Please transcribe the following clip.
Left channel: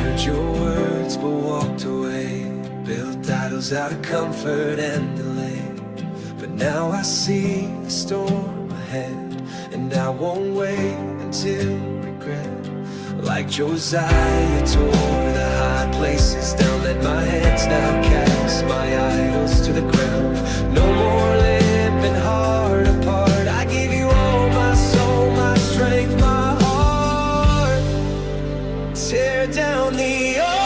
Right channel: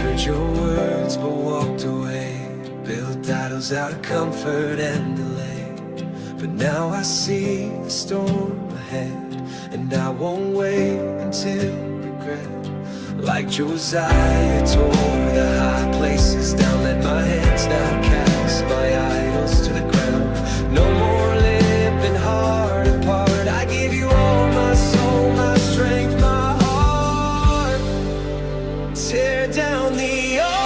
Heard your words but walked away, built idols out of comfort and delay. But now I see the storm ahead, and I won't wait until regret. Like Josiah tore the high places down, let my hands now cast my idols to the ground. No more lip and heart apart, I give you all my soul, my strength, my heart. Tear down the old